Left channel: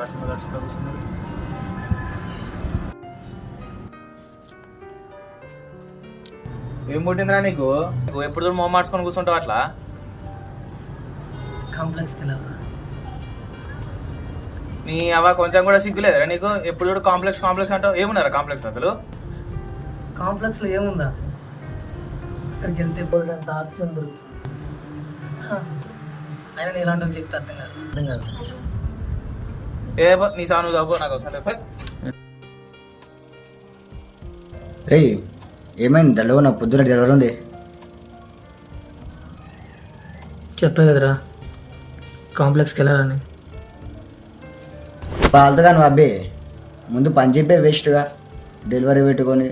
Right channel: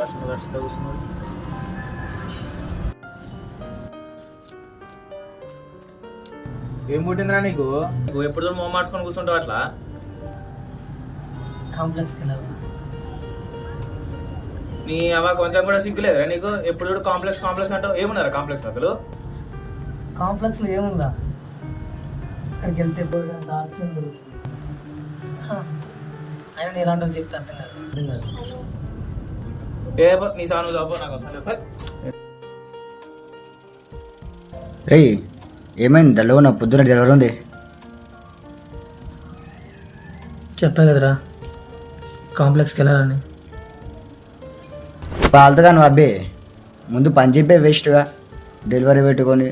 వర్షంలో దర్శనంలో కూర్చున్నాడు. ఏం పుట్టిందిరా నీకు? నువ్వు ఎప్పుడు మొహం మార్చుకొని కూర్చుంటావు అట్లా? కాంప్లెక్స్కి వెళ్ళాలా? నీ అవ కొంచెం కూడా సిగ్గులేదురా నీకు? ఎప్పుడు చూడు కాంప్లెక్స్ కాంప్లెక్స్ అంటావు. ఏమున్నారా కాంప్లెక్స్ అసలు? కాంప్లెక్స్లో ఏముందా? అక్కడికి వెళ్తే పోయినంత ఆప్షన్ దొరుకుతుంది. అయినా నేను ఇలాంటి చెప్తే అర్థం కాదు. ఏ నీ సాను చదువు నాకు అవసరం. రే ఏమైంది డల్లో నా పొద్దున డెలివరీ ఉంది. చెప్పా కదరా కాంప్లెక్స్కి వెళ్ళాలని. పాలతగా నువ్వు అబ్బే ముందు పని చెప్పే వేస్ట్గా డెలివరీ పెట్టుకొని